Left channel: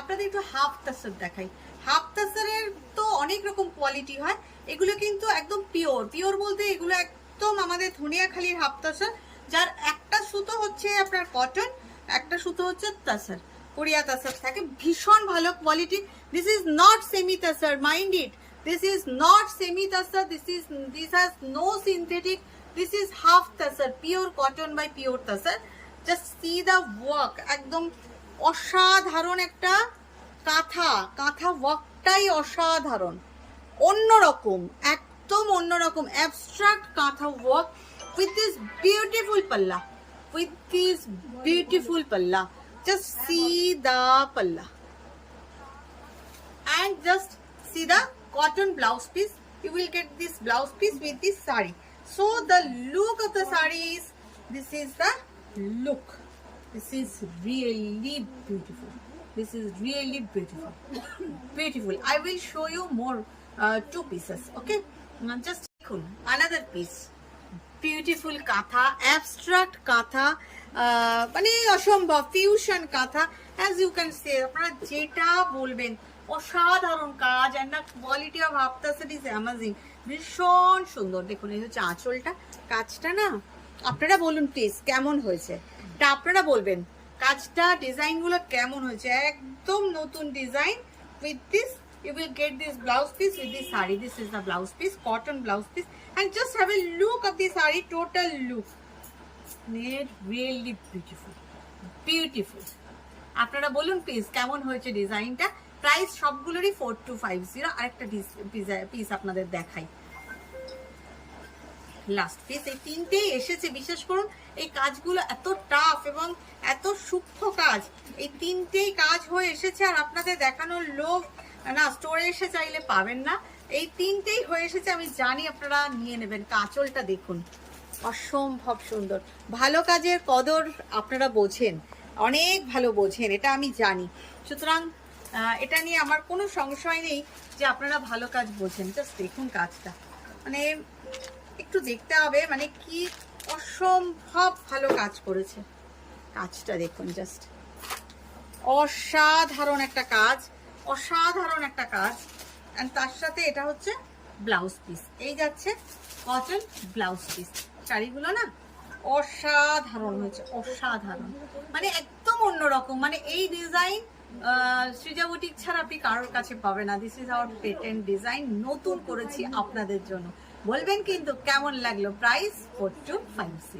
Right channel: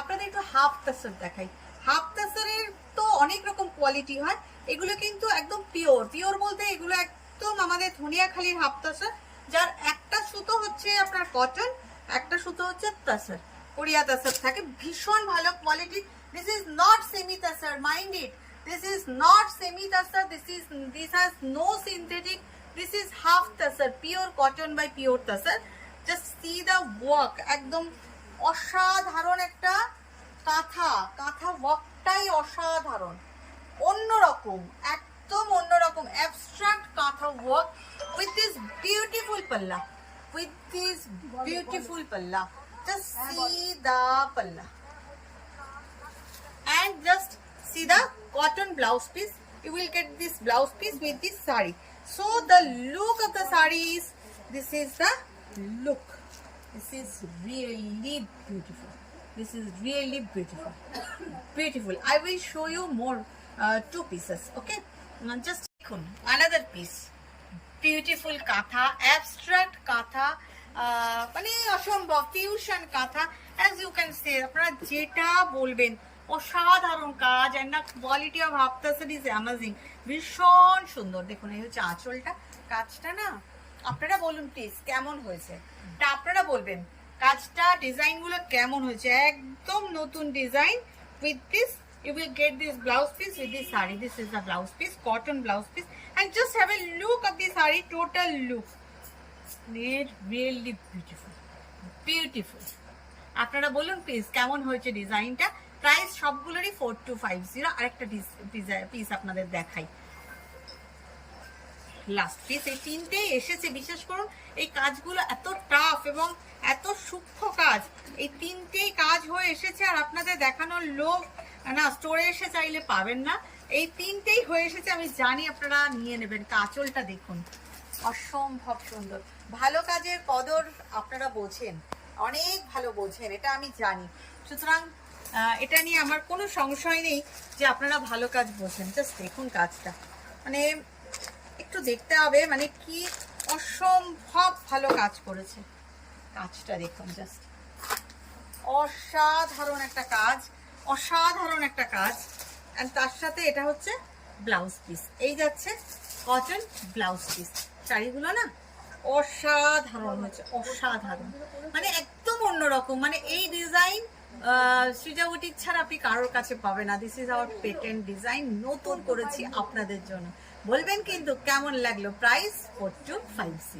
আপনাদের একটু হাফ তাসার দেখাই। হাফ তাসারের তো অনেক রকম কোয়ালিটি হয়, এগুলো কিন্তু একদম পিওর। পিওর বলতে এগুলো একদম আমাদের ধনিয়াখালীর হাফ তাসার, যার একটা সুতো হচ্ছে আপনার কটন, একটা সুতো হচ্ছে তাসার, কোরিয়া তাসার থাকে, ভীষণ ভালো quality. This is not semi tussar, mind it, this is not semi tussar, this has no synthetic, this is half tussar, pure cotton by pure tussar. Just see the work, একদম অসাধারণ একটা কাঁথা, কাঁথা ওয়ার্কটাই অসাধারণ, অন্যরকম, একদম অন্যরকম অ্যাবস্ট্রাক্ট কাঁথা ওয়ার্ক উইথ দিস বিউটিফুল পাল্লা, with this beautiful palla. Just see the palla and just see the cotton blouse piece. You will get this blouse piece with this sari. So the look of the sari is, this is the look. This is really beautiful. This is really beautiful. Beautiful. I will show you more two pieces. Okay. Just another piece. Beautiful কাঁথা, abstract কাঁথা, মানে অসম্ভব fusion কাঁথা, as you can say, আপনারা যেটা বলবেন, অসাধারণ কাজ, and the quality of half তাসার is amazing, ভীষণ সুন্দর। দেখুন এই হচ্ছে আঁচলটা, কাজটা না আপনারা বলুন প্লিজ কেমন হয়েছে, এটা আপনারা বলবেন কাজটা, ডিজাইনগুলো কেমন হয়েছে, একদম নতুন design. With this you will get this blouse piece with this saree. This is the blouse piece, cotton blouse piece, and just have a look of the saree, total look, made really beautiful, beautiful. আপনারা বলুন please কেমন হয়েছে ডিজাইনটা। Price সবগুলোরই 4250। আরেকটা piece আপনাদের দেখাই, last piece. এই তিনটেই এসেছে, বিশ্বাস করুন এই কাজগুলো এত টাফ এবং এত সূক্ষ্ম কাজ, এই তিনটেই কাজ হয়ে এসেছে, আর আপনাদের দেখানোর লোভ না, স্টোরে এসে চাইলে পাবেন না, এই তিনটেই হয়ে এসেছে, আমি জানি আপনারা নিয়ে নেবেন। কাঁচলটা দেখুন, অসম্ভব সুন্দর। ভালো কাজের কদর আপনারা বোঝেন, অনেক ভালো বোঝেন, এটা আমি জানি। সুতরাং এটা নিয়ে আমার কোনো সংশয় নেই যে আপনারা ভালো কাজ বোঝেন। জাস্ট দেখুন কাজটা, মানে একটু দেখতে হবে, মানে কি অসম্ভব ভালো কাজ করেছে। কাজটা দেখুন, জাস্ট অসাধারণ একটা কাজ, অসাধারণ একটা কাজ। এন্ড তার সাথে এটা হচ্ছে ব্লাউজ পিস, এই যাচ্ছে কটন ব্লাউজ পিস। শাড়িগুলো না অসাধারণ হয়েছে, অসাধারণ, মানে একদম অন্যরকম। মানে এই ডিজাইন সৃজা বুটিক ছাড়া আপনি কারোর কাছে পাবে না। This is our patent design, নতুন করেছি আপনাদের জন্য। বলবেন কিন্তু কেমন লাগলো। প্রাইস 4250।